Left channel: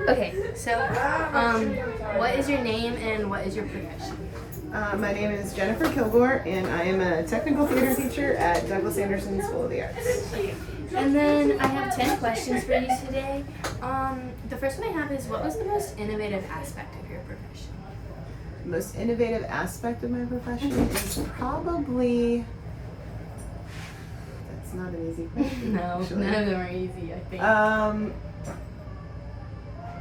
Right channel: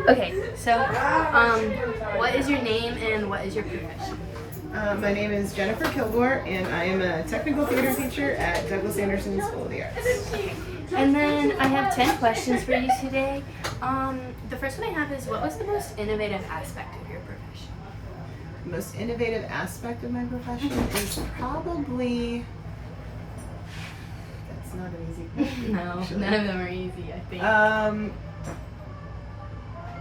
Okay, so what is your name and what is your profession? My name is Jennifer Kilgore, and I am a technical theater teacher at Douglas Anderson School of the Arts. And then I have 10 questions for you today. The first one I have is, what was the most innovative aspect of your profession? The most innovative aspect of my profession is probably... That's not an easy question. No, actually. none of them are easy, I think.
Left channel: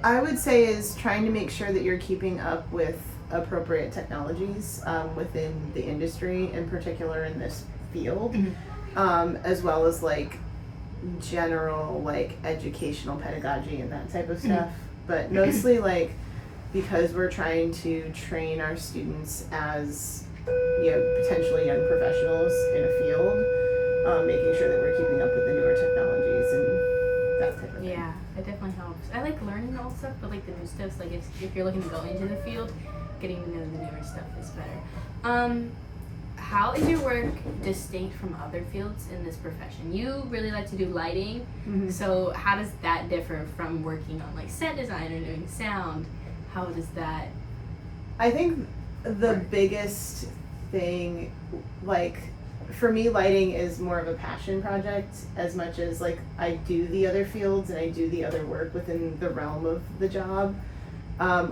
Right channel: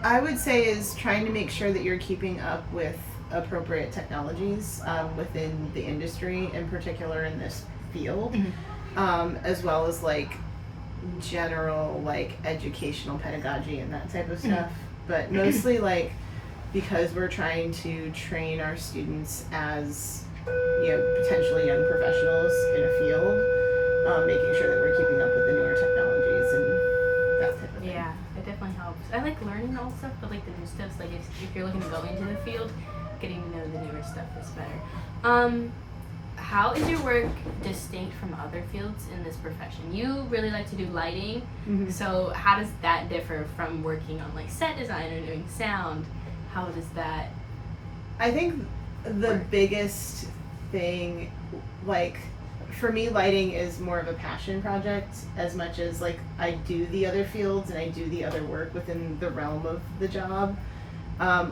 I would say is trying to make sure that you're keeping up with appropriate technologies within the industry, in particular in this field, as well as like general like educational pedagogy and that type of stuff. But mostly like because we're trying to train our students as potentially young professionals in a field, making sure that we're keeping up with the newer technologies and that type of thing. Yeah, it definitely helps. I like learning all stuff, but like the new stuff, like if you're looking to go into the field, getting to know the newer stuff is better. How is your work distinct from other fields in this profession? You really like to do lighting, so how does that differ from working on like set design or doing sound? How does that? I think the biggest thing, like for me, lighting is more of a passion project as much as like I do the other fields and I do the other work within the realm of the job.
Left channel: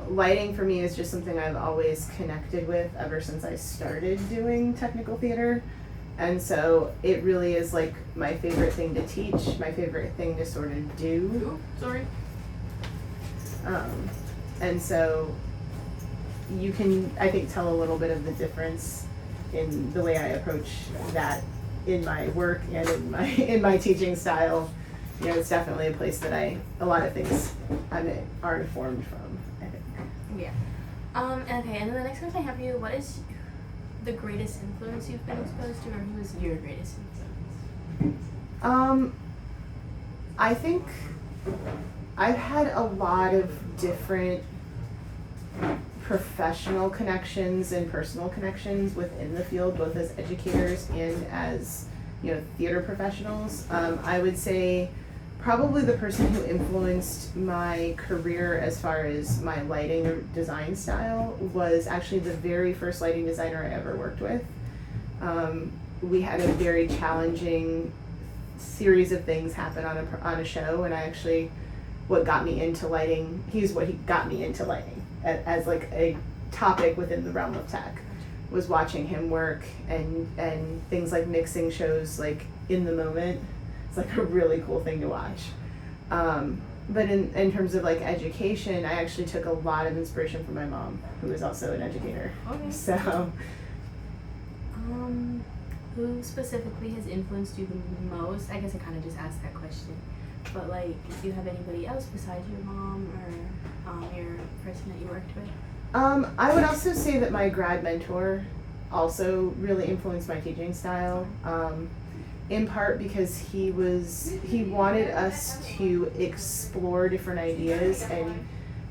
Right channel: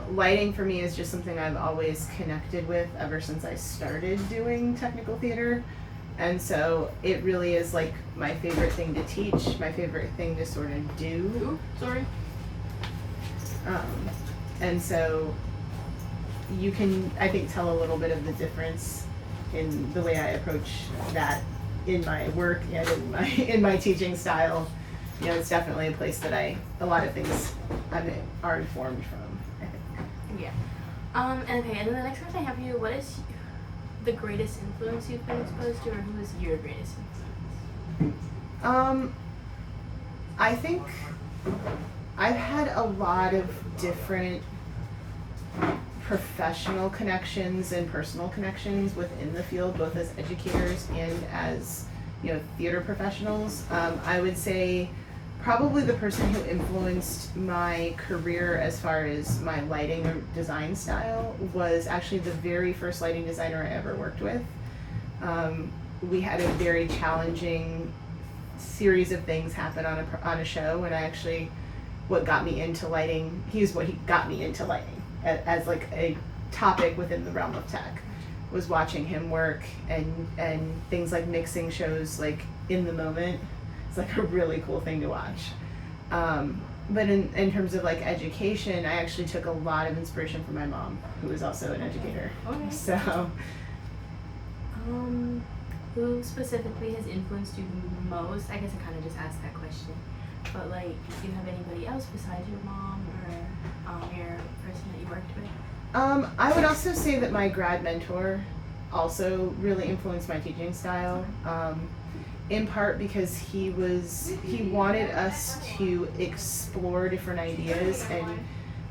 Lighting for me is just something I've always connected with ever since I started doing technical theater. And so it really is like my favorite thing to teach, my favorite thing to sort of do. Ooh, sorry. And so you can, I think, tell a little bit of the difference in the way I approach that in my work and in my teaching style. It's definitely a place that a lot of things are informed from, I think. Yeah. And then the next question I have for you, what is the greatest influence you've been exposed to, or who is your greatest influence? I think I've had a lot of different professional connections and personal connections within the field, both as educators and as theater professionals. I would say probably the person who influenced my career as far as my lighting or design style was actually the very first lighting designer I ever worked with. We had a very challenging series of things happen on a show, and what got me into lighting, he got me into lighting as like a topic within the realm of tech, was watching him work and things like mixing shows like in the moment. It's like a really cool thing to watch. But in terms of like education, I actually took a lot of inspiration from my mom, who is also an educator. Okay. So, who specifically has influenced you the most? I guess I kind of just asked that question, but like, do you have anybody else besides your mom or your person that you worked with? I would also say that my grad mentor also really influenced my teaching style. In part because he wanted us to explore different ideas and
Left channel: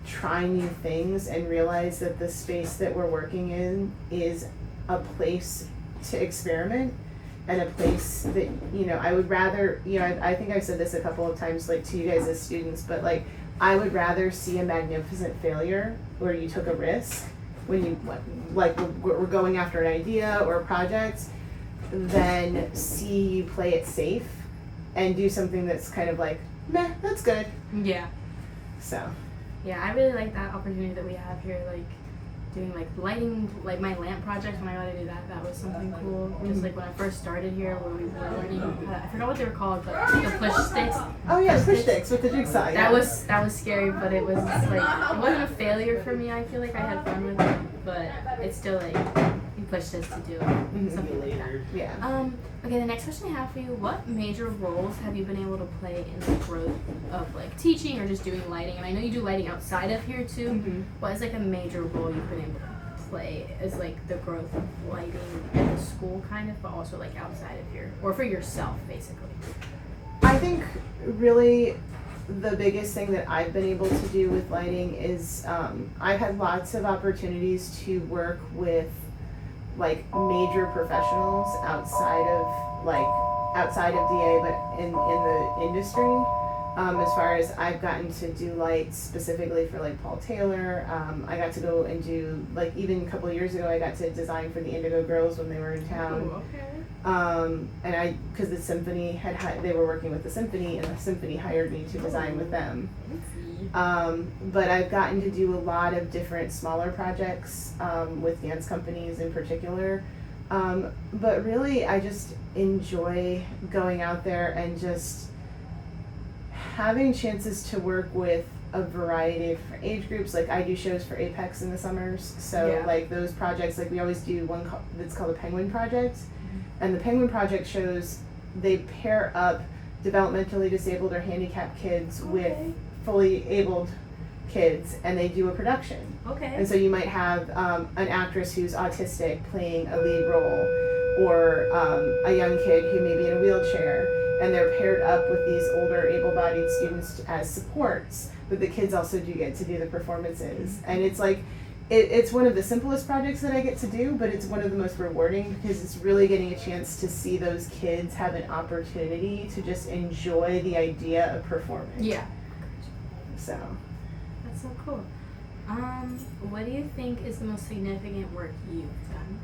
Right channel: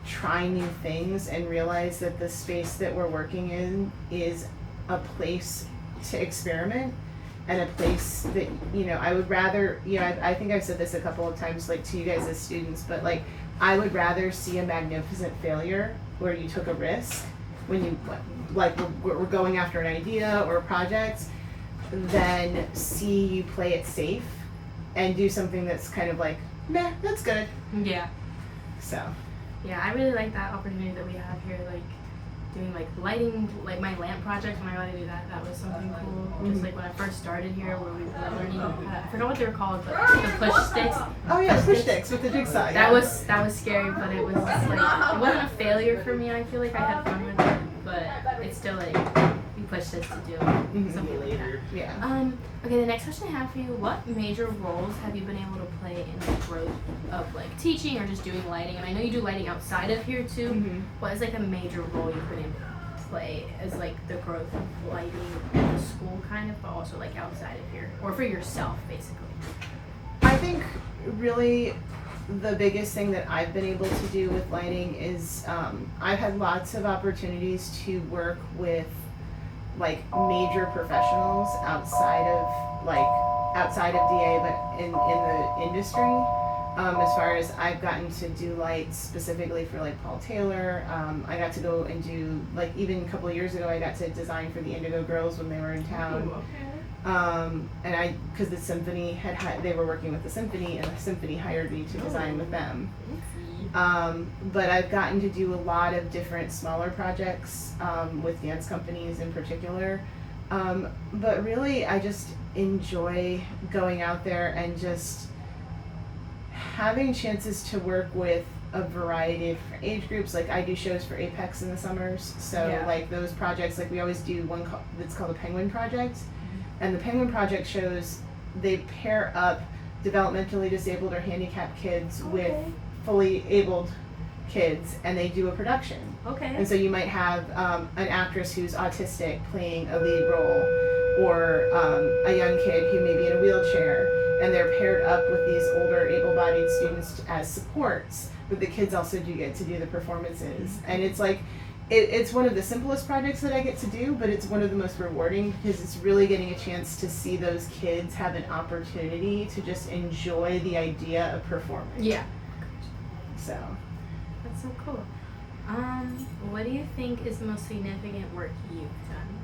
try new things and realize that the space that we're working in is a place to experiment and a place that, I would rather, I think I've said this a couple of times like to you guys as students, but like I would rather see a magnificent failure where you took a risk when you we're going after an idea or a project, than see you play it safe and do something that's kind of like, nah, that's good. Yeah. So. Yeah, I really like that opportunity that we have here, like doing like lighting, like my lamp project. When I got to do that, that was something cool. Just like when I first started here, where we were learning, I forgot what they were called, but the push sticks. Oh yeah, push sticks with the jigsaw. That was scary, but it was like, it wasn't a failure for me. I feel like I had fun with it, but it's still like, pushed us to do something like that. Yeah. Okay, the next question I have for you, what major roles have you been able to play in the growth of like teaching or just doing lighting? And I know you do lighting outside of here too. What is like a major role you've been able to play as like the growth of lighting in the school kind of, but also like outside of here, or for yourself basically? I think really the biggest thing that I've been able to do with lighting is I've had lots of opportunities to work with like major professionals outside of DA, but in the industry. As far as I've gotten to do lights specifically for like Paul Taylor, I got to go and do like even a couple of years ago I got to design for the Indigo Girls when they were in town. Ooh, okay. And because the symphony they were working with the symphony, and the symphony hired me to design with them. But I've gotten to do a lot of different smaller projects with dance companies in particular. But really, I just enjoy going out there and just having chances to work with a variety of age groups. Like I do shows for Apex in the summers, so like those projects, like we always do one that's called the Penguin Project, and the Penguin Project shows they pair up developmentally disabled or handicapped kids with fully abled kids, and they do a production. Okay. And so you might have an actress who's autistic playing a lead role, or a young kid who may be in a wheelchair, and they're paired up with these older able-bodied students as supports, but the kids also do get to do the performances. And it's like, it's one of the simplest projects that I get to do, but it's one of the most rewarding because it's really getting a chance to see those kids have an opportunity to just enjoy the idea of performing. Yeah. So. That's so cool. What do you think is the most significant work you've done?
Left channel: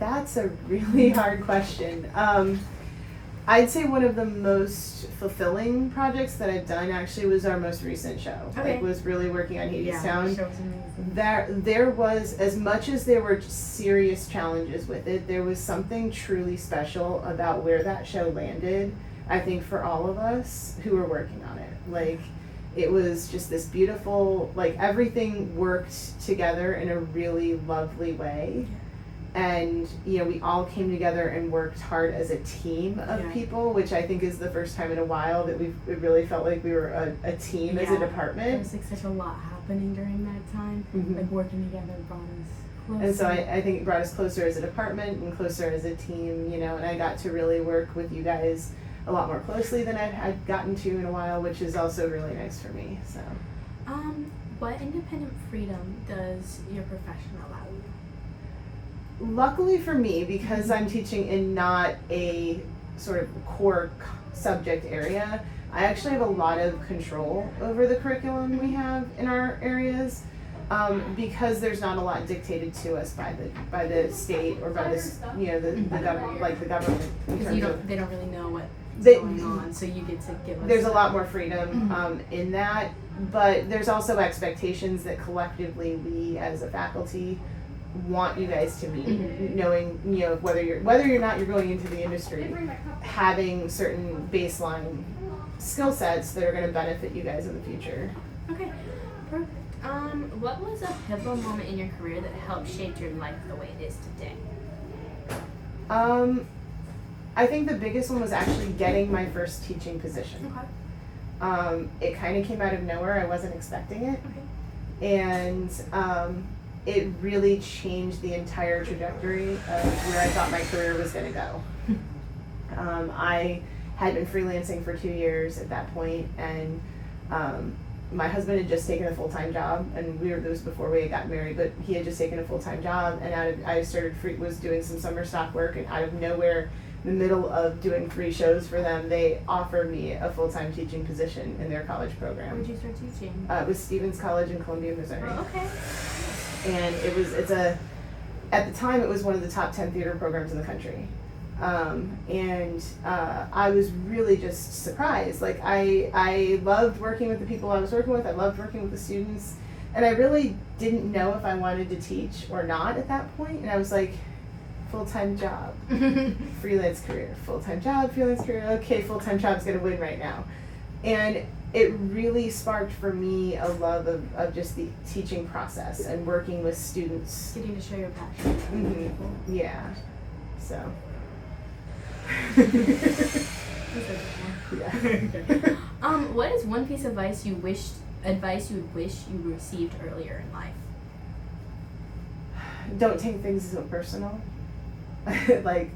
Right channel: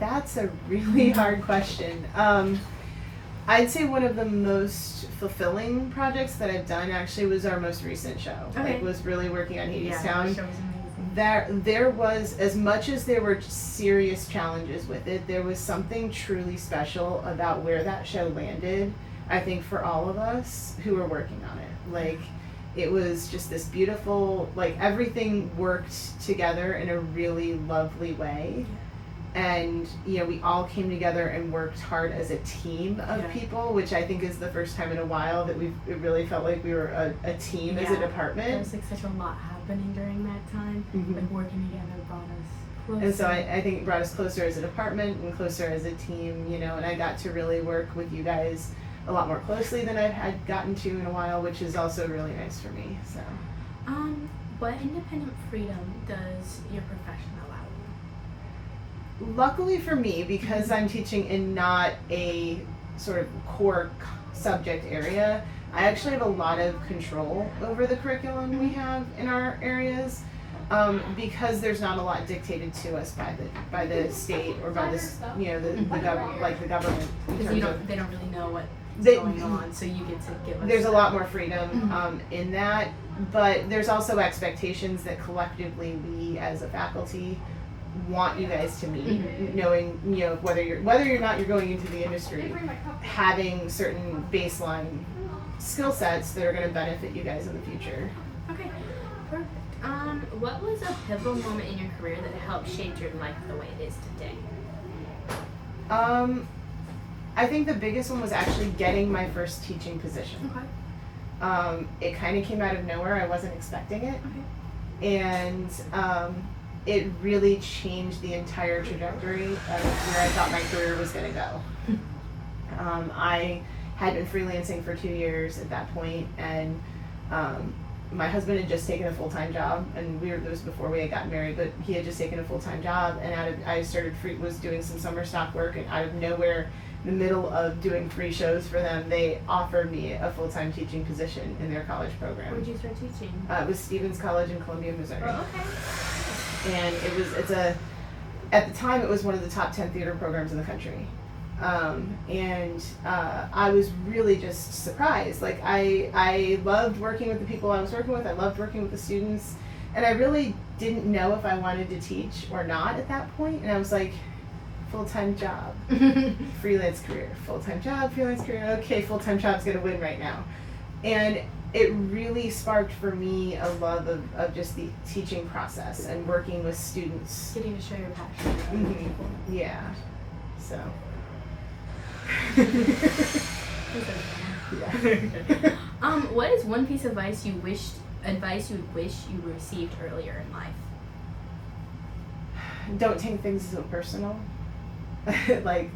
That's a really hard question. I'd say one of the most fulfilling projects that I've done actually was our most recent show. Okay. Like, was really working on Hadestown. Yeah, the show was amazing. There was, as much as there were serious challenges with it, there was something truly special about where that show landed, I think, for all of us who were working on it. Like, it was just this beautiful, like, everything worked together in a really lovely way. And, you know, we all came together and worked hard as a team of people, which I think is the first time in a while that it really felt like we were a team as a department. There was like such a lot happening during that time. Like working together brought us closer. And so I think it brought us closer as a department and closer as a team, you know, and I got to really work with you guys a lot more closely than I've had gotten to in a while, which is also really nice for me. So, what independent freedom does your profession allow you? Luckily for me, because I'm teaching in not a sort of core subject area, I actually have a lot of control over the curriculum we have in our areas, because there's not a lot dictated to us by the state or by the the government. Because they don't really know what's going on, so you get to give us. There's a lot more freedom in that, but there's also expectations that collectively we as a faculty want you guys to meet, knowing, you know, whether you're not you're going into the industry, having certain baseline skill sets that are going to benefit you guys in the future. Okay, perfect. What was a pivotal moment in your career that helped shape your life the way it is today? I think the biggest one was actually getting my first teaching position. Okay. It kind of came out of nowhere. I wasn't expecting it. Okay. And it really changed the entire trajectory of where I thought my career was going to go. I had been freelancing for 2 years at that point, and my husband had just taken a full-time job, and it was before we had gotten married, but he had just taken a full-time job, and I was doing some summer stock work, and out of nowhere, in the middle of doing 3 shows for them, they offered me a full-time teaching position in their college program. Where did you start teaching? It was Stevens College in Columbia, Missouri. Oh, okay. And at the time, it was one of the top 10 theater programs in the country. I was really just surprised. Like, I loved working with the people I was working with. I loved working with the students. And I really didn't know if I wanted to teach or not at that point. And I was like, full-time job, freelance career, full-time job, freelance career. Okay, full-time job's gonna win right now. And it really sparked for me a love of just the teaching process and working with students. Getting to show your passion to other people. Yeah. So. Yeah. What is one piece of advice you wish you received earlier in life? Don't take things so personal. Like,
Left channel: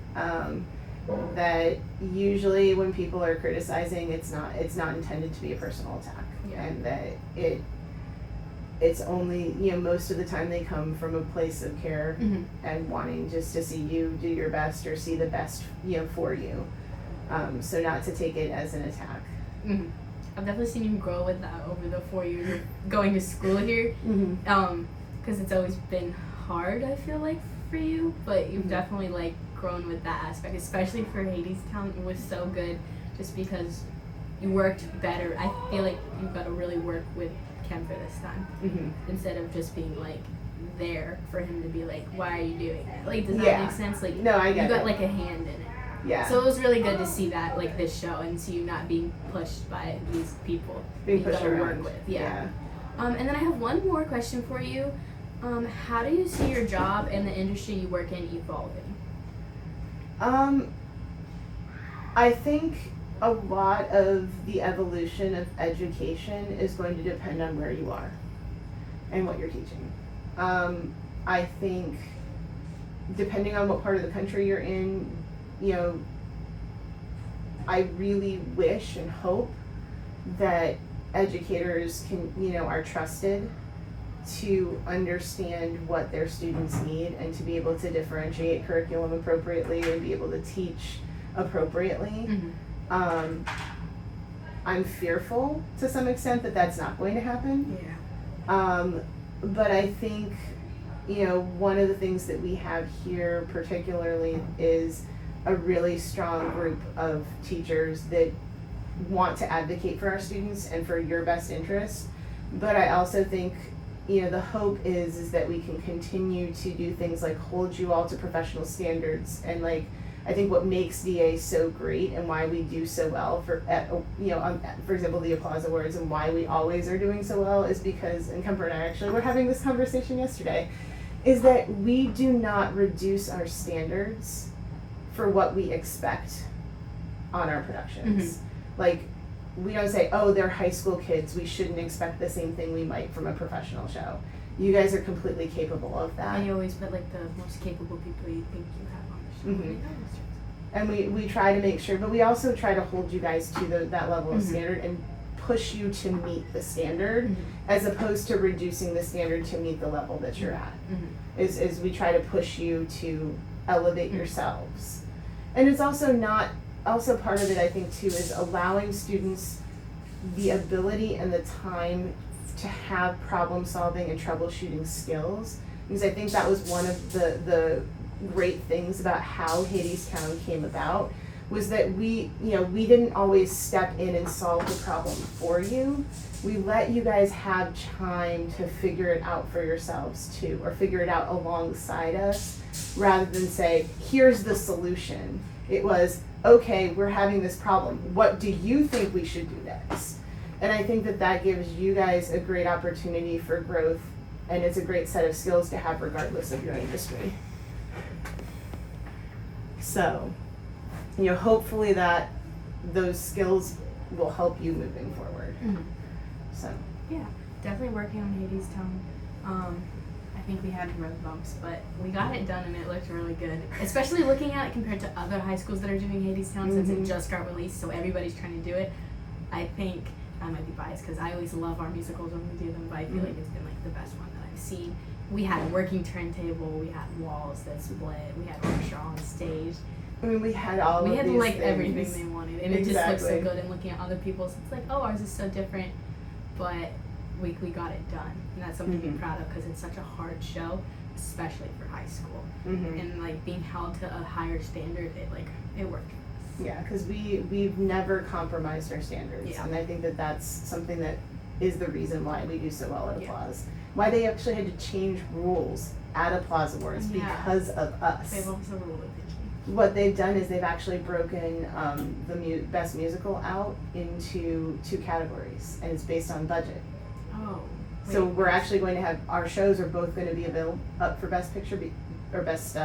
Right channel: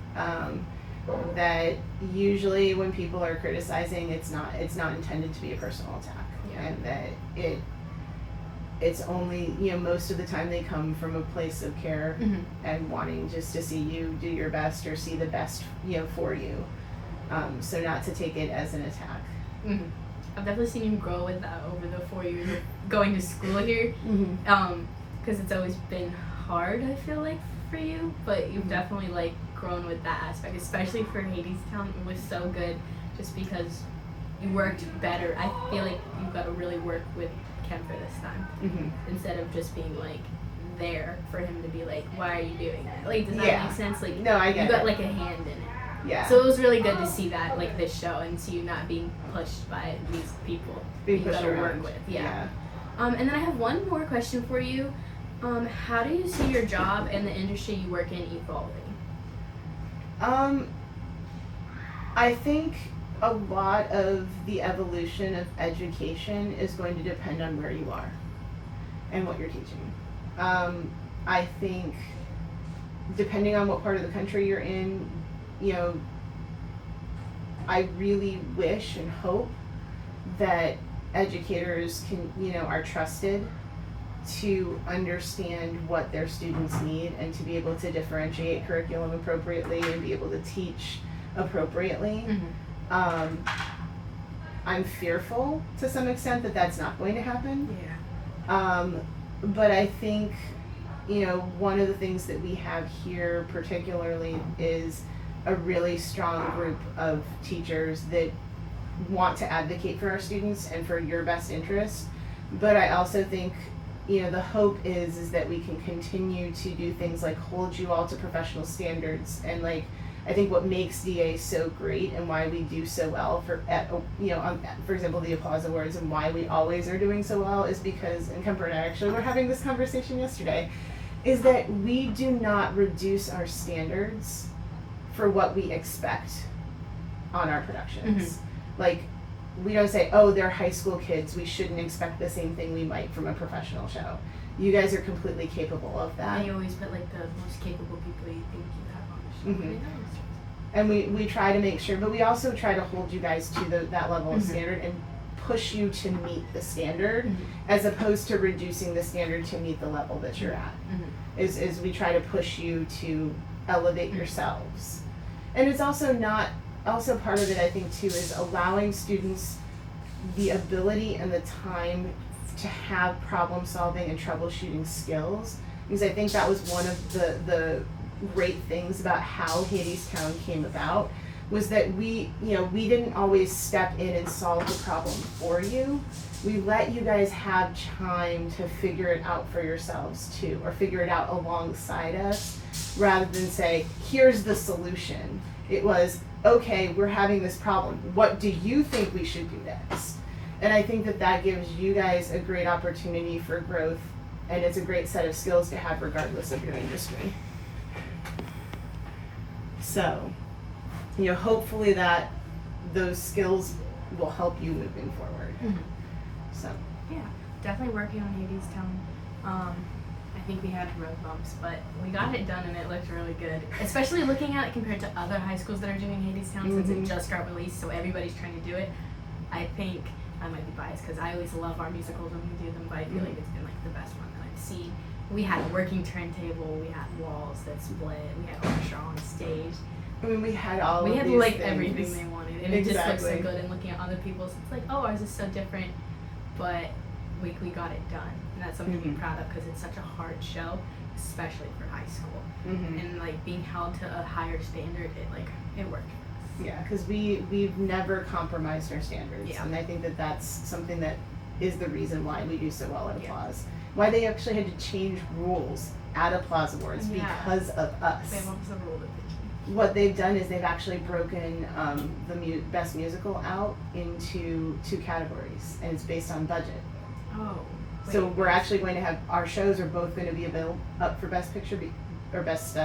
that usually when people are criticizing, it's not intended to be a personal attack. Yeah. And that it's only, you know, most of the time they come from a place of care and wanting just to see you do your best or see the best, you know, for you. So not to take it as an attack. Mm-hmm. I've definitely seen you grow with that over the 4 years of going to school here. Because it's always been hard, I feel like, for you, but you've definitely like grown with that aspect, especially for Hadestown. It was so good just because you worked better. I feel like you've got to really work with Kemper this time instead of just being like there for him to be like, why are you doing that? Like, does that make sense? Like, no, I get you got it. like a hand in it. Yeah. So it was really good to see that, like, this show, and see you not being pushed by these people Being you pushed got to around. work with. Yeah. And then I have one more question for you. How do you see your job and the industry you work in evolving? I think a lot of the evolution of education is going to depend on where you are and what you're teaching. I think depending on what part of the country you're in, you know, I really wish and hope that educators can, you know, are trusted to understand what their students need and to be able to differentiate curriculum appropriately and be able to teach appropriately. I'm fearful to some extent that that's not going to happen. But I think, you know, one of the things that we have here particularly is a really strong group of teachers that want to advocate for our students and for your best interest. But I also think, you know, the hope is that we can continue to do things like hold you all to professional standards. And like, I think what makes DA so great and why we do so well for example, the Applause Awards, and why we always are doing so well is because, and Kemper and I actually were having this conversation yesterday, is that we do not reduce our standards for what we expect on our productions. Like, we don't say, oh, they're high school kids, we shouldn't expect the same thing we might from a professional show. You guys are completely capable of that. And you always put like the most capable people you think you have on the show. And we try to make sure, but we also try to hold you guys to that level of standard and push you to meet the standard as opposed to reducing the standard to meet the level that you're at. Is we try to push you to elevate yourselves. And it's also part of it, I think, too, is allowing students the ability and the time to have problem solving and troubleshooting skills, because I think that was one of the great things about how Hadestown came about, was that we didn't always step in and solve the problem for you. We let you guys have time to figure it out for yourselves too, or figure it out alongside us, rather than say, here's the solution. It was, okay, we're having this problem. What do you think we should do next? And I think that gives you guys a great opportunity for growth, and it's a great set of skills to have regardless of your industry. So, you know, hopefully that those skills will help you moving forward. So yeah, definitely working on Hadestown. I think we had road bumps, but we got it done and it looked really good. Especially looking at it compared to other high schools that are doing Hadestown since it just got released, so everybody's trying to do it. I think I might be biased because I always love our musicals when we do them, but I feel like it's been like the best one that I've seen. We had a working turntable, we had walls that split, we had orchestra on stage. I mean, we had all We of had these like things. everything they wanted, and it just looks so good. And looking at other people's, it's like, oh, ours is so different, but we got it done, and that's something to be proud of because it's such a hard show, especially for high school, and like being held to a higher standard, it worked for us. Yeah, because we've never compromised our standards, and I think that's something that is the reason why we do so well at Applause. Why they actually had to change rules at Applause Awards because of us. Wait, what was the rule that they changed? What they've done is they've actually broken the best musical out into 2 categories, and it's based on budget. Oh. Wait, So we're actually going to have, our shows are both going to be up for Best Picture or Best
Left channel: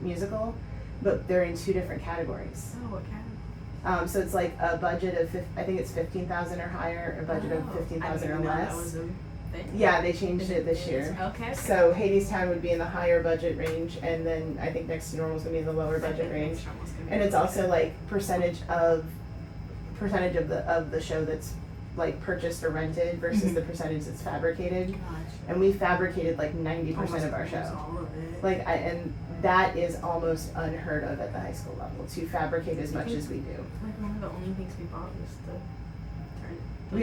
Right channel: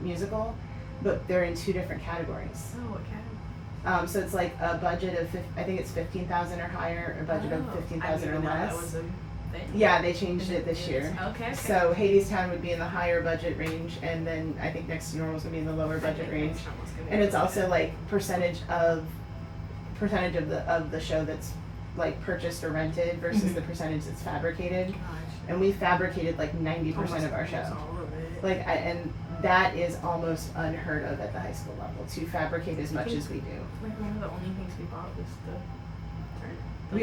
Musical, but they're in 2 different categories. Oh, what kind of? So it's like a budget of I think it's 15,000 or higher, a budget of 15,000 or less. That was a thing. Yeah, they changed it this year. Okay. So Hadestown would be in the higher budget range, and then I think Next to Normal is going to be in the lower budget range. And it's also like percentage of the show that's like purchased or rented versus Mhm. the percentage that's fabricated. Gosh. And we fabricated like 90% of our show. Almost all of it. Like, and that is almost unheard of at the high school level, to fabricate as much as we do. Like one of the only things we bought was the